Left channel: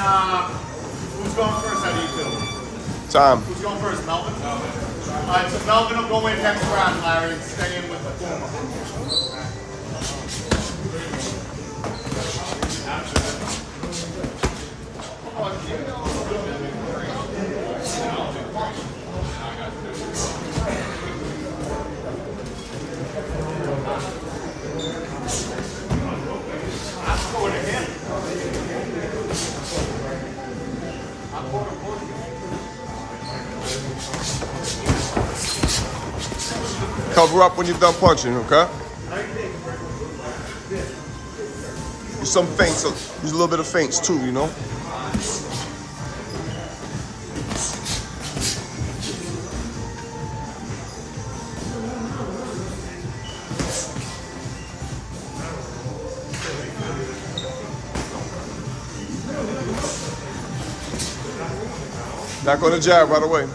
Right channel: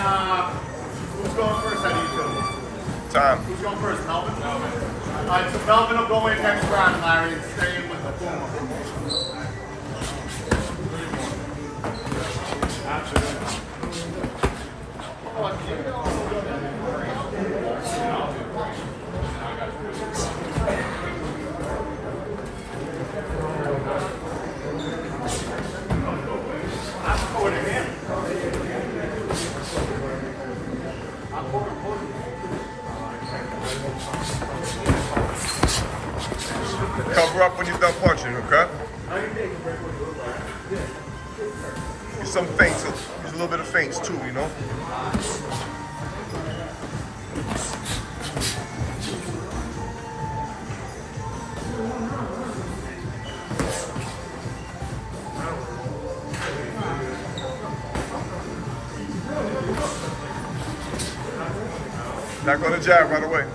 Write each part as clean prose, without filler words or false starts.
who's going first? I need to. Time. Who's going first? Melvin? All right, so Melvin will go in next round, Larry, and stay in with the Puma. Cover up when you're done punching, okay? Use some feints, use a little bit of feints too, you know? Back on the jab right away.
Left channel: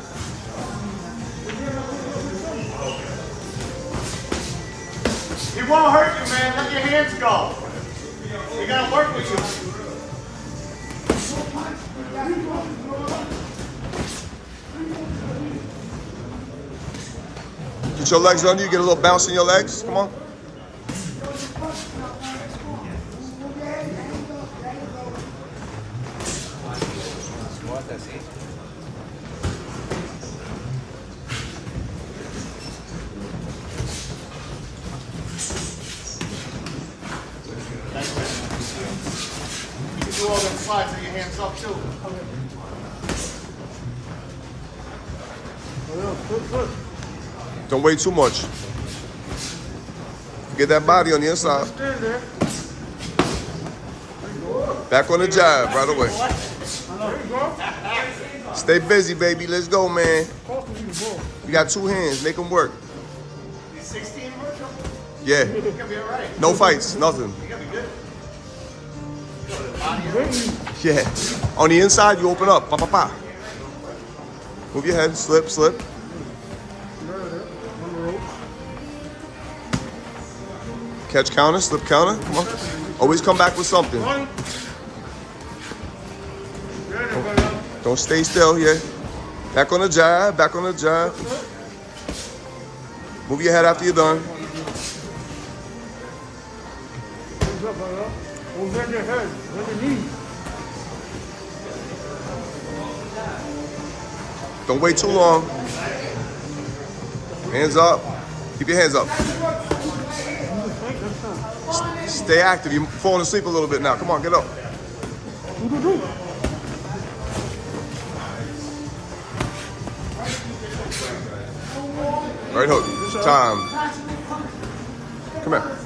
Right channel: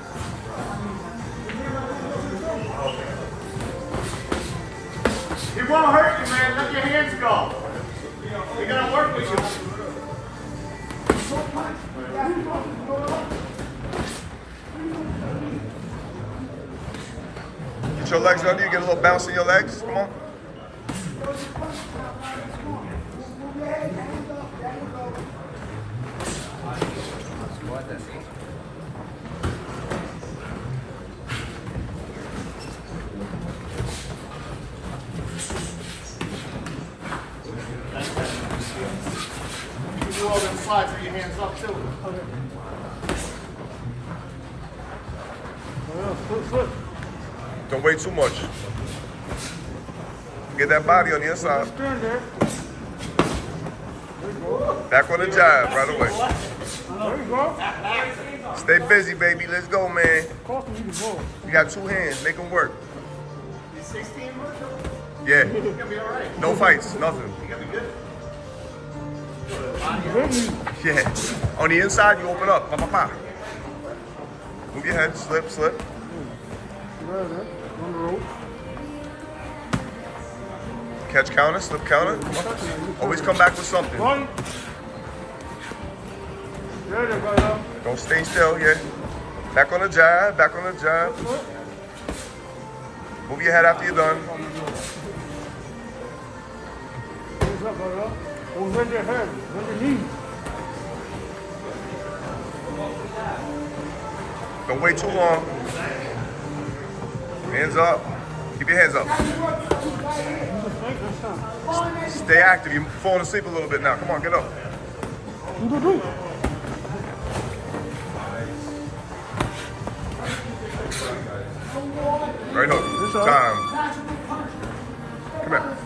He won't hurt you, man. Let your hands go. We gotta work with you. Get your legs under you, get a little bounce in your legs. Come on. You can do all them slides with your hands up too. Don't wait too much. Get that body on the inside. Back on the jab right away. Stay busy, baby. Let's go, man. You got two hands. Make them work. 16 Yeah. You're gonna be all right. No fights. Nothing. You're gonna be good. Yeah. On the inside, you open up. Pa, pa, pa. Move your head. Slip, slip. Catch counter, slip counter. Come on. Always come back with something. Don't stay still here. Back on the jab, back on the jab. Move your head after you're done. Don't wait too long. Hands up. Keep your hands up. Stay active. You're falling asleep a little bit now. Come on, get up. Right hook. Time. Come here.